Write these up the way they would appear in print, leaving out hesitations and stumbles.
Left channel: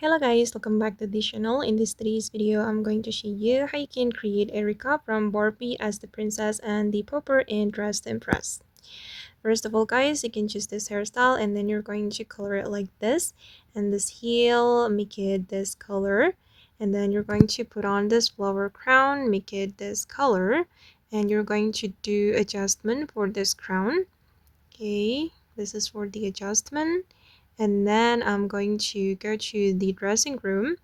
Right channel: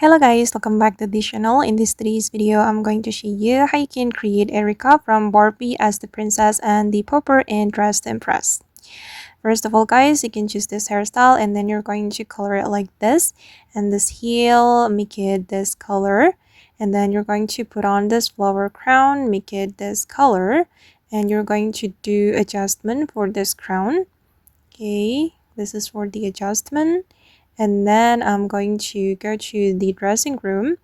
Hello guys, welcome back to this channel. In this today's video, I'm going to show you how you can create Erika from Barbie as the princess and the pauper in Dress to Impress. First of all guys, you can choose this hairstyle and then you're going to color it like this. And this heel, make it this color. And then you're going to put on this flower crown, make it this color. And you're going to do adjustment for this crown. Okay, this is for the adjustment. And then I'm going to go to the dressing room,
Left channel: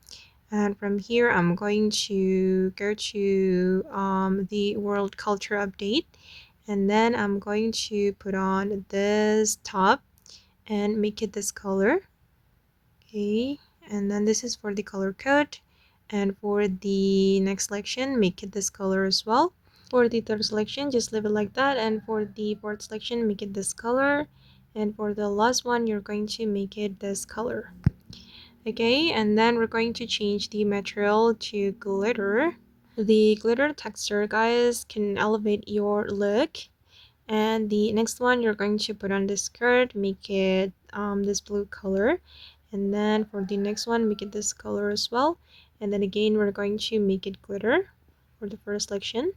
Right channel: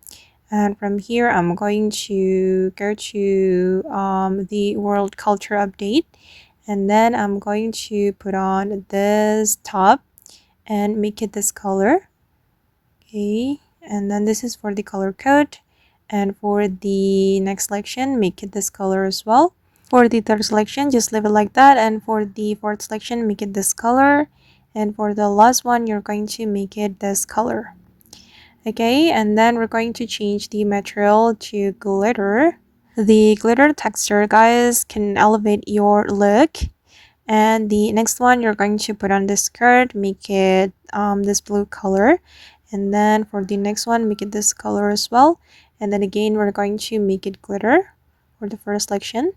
and from here I'm going to go to the world culture update, and then I'm going to put on this top and make it this color. Okay, and then this is for the color code, and for the next selection make it this color as well. For the third selection, just leave it like that, and for the fourth selection make it this color, and for the last one you're going to make it this color. Okay, and then we're going to change the material to glitter. The glitter texture guys can elevate your look. And the next one, you're going to put on this skirt, make it this blue color. And then for the next one, make it this color as well. And then again, we're going to make it glitter for the first selection.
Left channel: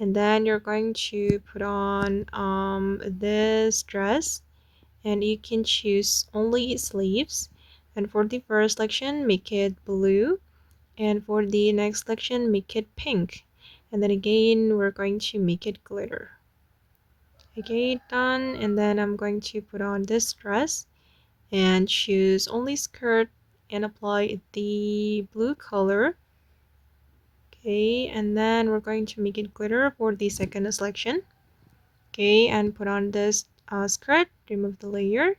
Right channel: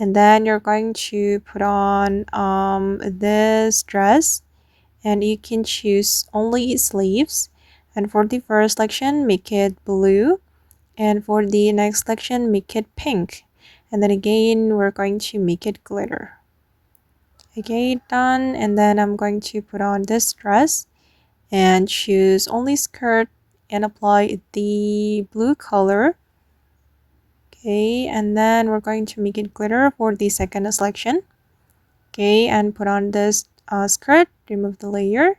And then you're going to put on this dress, and you can choose only sleeves. And for the first selection, make it blue. And for the next selection, make it pink. And then again, we're going to make it glitter. Okay, done. And then I'm going to put on this dress and choose only skirt and apply the blue color. Okay, and then we're going to make it glitter for the second selection. Okay, and put on this skirt, remove the layer,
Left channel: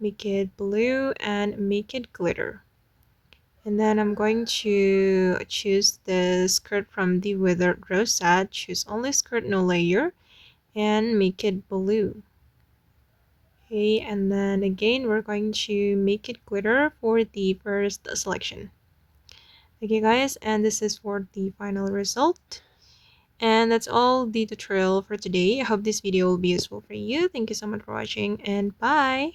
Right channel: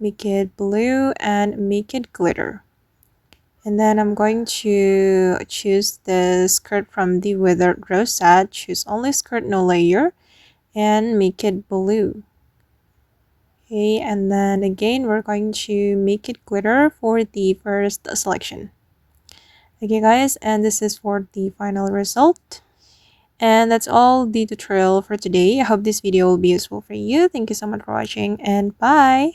make it blue and make it glitter. And then I'm going to choose the skirt from the Withered Rose set, choose only skirt, no layer, and make it blue. Okay, and then again we're going to make it glitter for the first selection. Okay guys, and this is for the final result. And that's all the tutorial for today. I hope this video will be useful for you. Thank you so much for watching, and bye!